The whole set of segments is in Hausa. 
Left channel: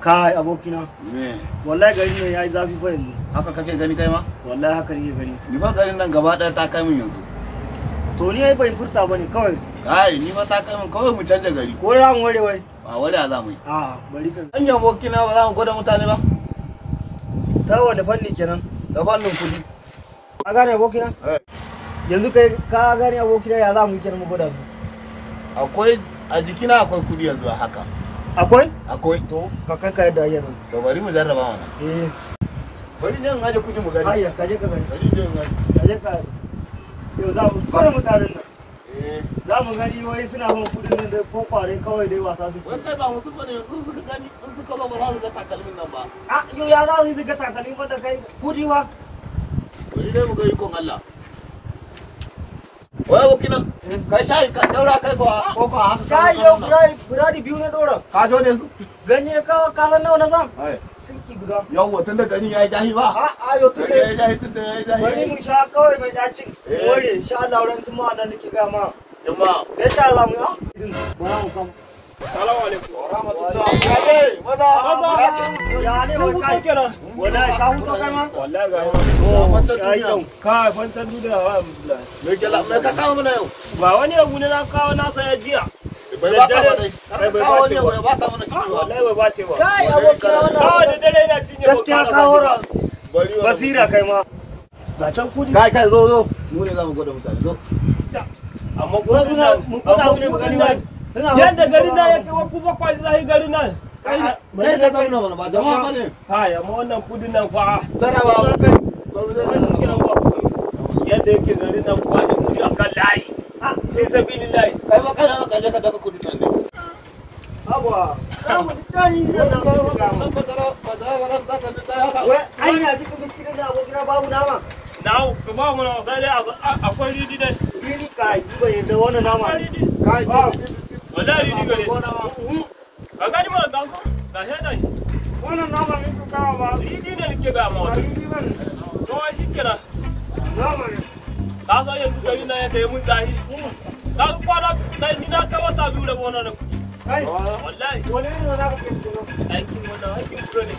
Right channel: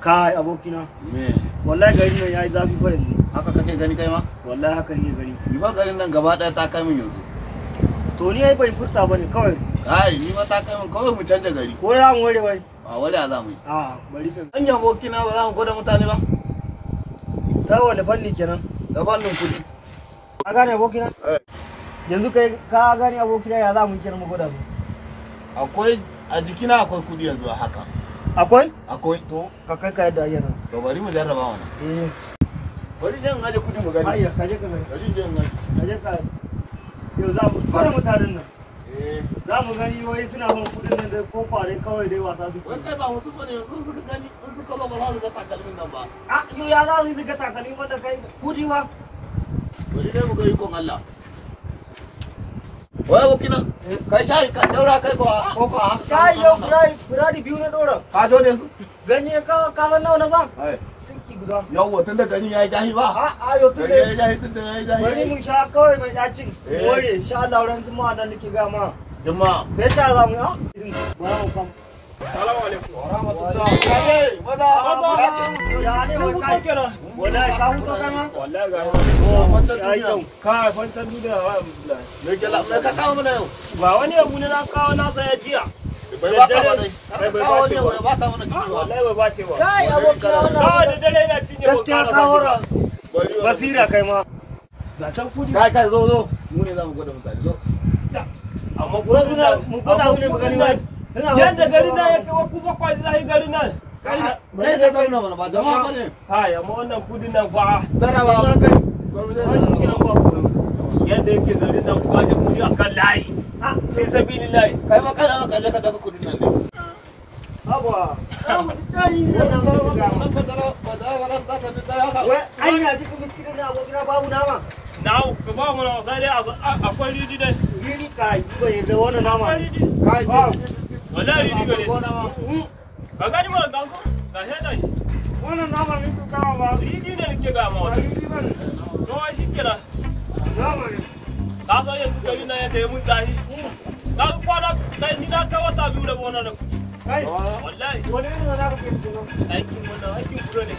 Kai abokina. Me? Wallahi garin nan yayi zafi fa yanzu. Haka kake gani kai ma? Wallahi haka nake gani. Ni ba garin nan gaba daya ta kai min yanzu. To ni ai ban furta bane kawai. Kai ni ma ta kai min kawai mu canja gari. Ko za mu ware wai? Ba ware za mu yi. Bari ka. An yi abokina ba za mu gwada mutane ba? Ta wanda fanni kenan? Da fannin kudi. Ka gane abokina? Yanzu kai ka gane abokina ya za mu yi kenan mu gwada su. Akwai a jikina akwai kudi yanzu haka. Akwai? Akwai. To ka kai ka yadda yana. To bari mu jarraba wannan. Bari jan aje kudi mu gani. Ayya ka je ka gani. Bari jan aje. Ka je ka. Yau za mu fara mutanen nan. Za mu gani wai suna bin kudin nan dai ko kware kawai dai wasa su. Wai kai ba mutum bane in suka gani in suka ba za su ga takalmin nan ba. Yau ya za su ga takalmi ba da kai kudi ba. Bari dai mu ga ikon Allah. Wai abokina kai shayi ka daura kai ko shayi yau buradi biyu na dora. Ka jo ne su? Gani ka san nawa na zan? Sinki guda. Yawwa tun da gani ya yi jahi ba? Yau tun da ya yi jahi tun da ya yi jahi. Bari mu sha kawai mai dacin. Ware insha Allah ran juma'a nan nake ga ma. Juma'a. Da insha Allah mu ya. Assalamu alaikum. Wa rahmatullahi. Maza. Ya ne mu kai kenan. Wallahi ka huto kai ma. Wallahi ga yau. Ka fantan duniya wa Abdullahi. Me ka kawo mana yau? Ba wani abu ne na kawo na saya jiya. Bai ba ka ba dai. Bai ba ce ba. Ba ka mana ciki ba. Wallahi bai ba ce ba. Kai abokin wannan. Kawai da dare na cinye. Gaskiya ka hora. Basira kai ma. Ga can kudi. Kai zo. Mu ne za mu gwada mutane zo. Amma gudu na mu gwada ne mu gani ba. Yadda garin nan yake wa kuma kwaji zai garin nan. Bai da zauna mana ba jama'a bane. Kai amma wannan kudin nan fa. Tara ba su kai. Yadda yake garin nan kwaji kudi akan layi. Sai sabilillahi. Kai ma kana ka je ka dafa kudin nan ne. Abuwa. Anya cikin biskitin da abokina babu nama. Ka ba mu nama sai dai akwai ridi dai. Ridi kai ba yadda wannan nama. Kai ba. Wallahi ridi gare shi. Ka gani ma ga su? Ga sheda ne. Wannan nama ne ka kawo ba. Ridi ne nake ga ma. To wa shi kira. Nama ne. Ka ga yanzu gari na ya tayi mun zahi. Ka kwana dai ni da ka wata biyu da wannan da. Kai wallahi wani ne na ka kin tuwo. Aikin wannan aikin kuro ne.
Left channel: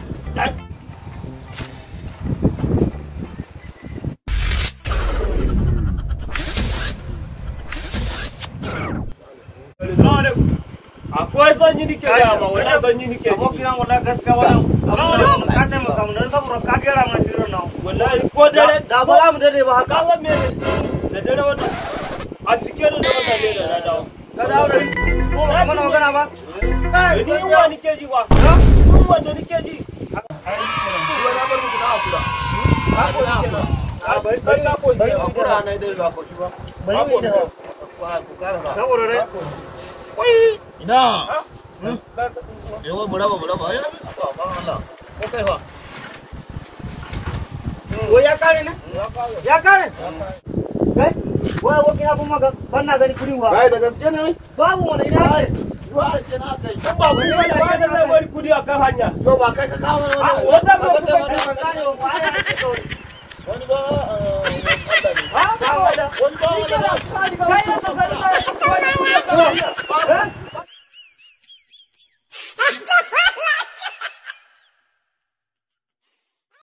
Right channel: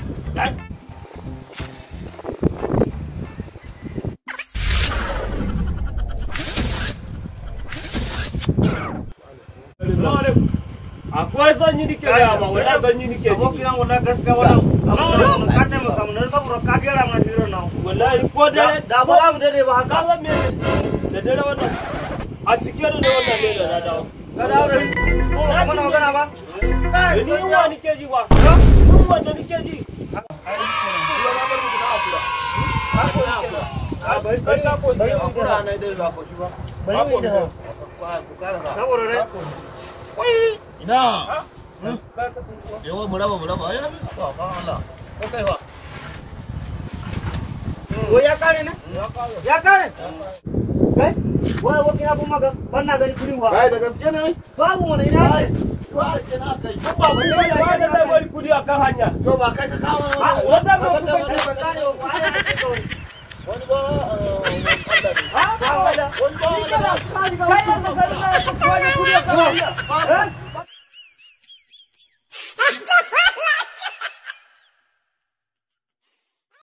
Akwai sanyi nike ga ma wannan sanyi nike ji. Amma kiran wannan gaskiya wannan. Amma ka ne maka mun saboda ka gera ma hiro na. Wallahi ko dare da ba mu dare ba haka zan me da dare wannan. A cikin da wannan ne da dawo. Ka dawo da ko mana magana ba. Kai ni ruwa nike ji ba. Ruwa to nike ji. Ina. Yawa mu raba ya ba Allah. Ko kai fa. Ya kare ne? Ya kare. Kai? Wai abokin abun maka ban na gani kudi wa. Kai da gaske ne? Babu wani ina ne? Wa ke na kai. Ba ku ne ba da zai bari kudi akan hanya. To ba kai ka kawo wanda ba ku ka kare wa ai da ke wani ba Allah ne. wani ba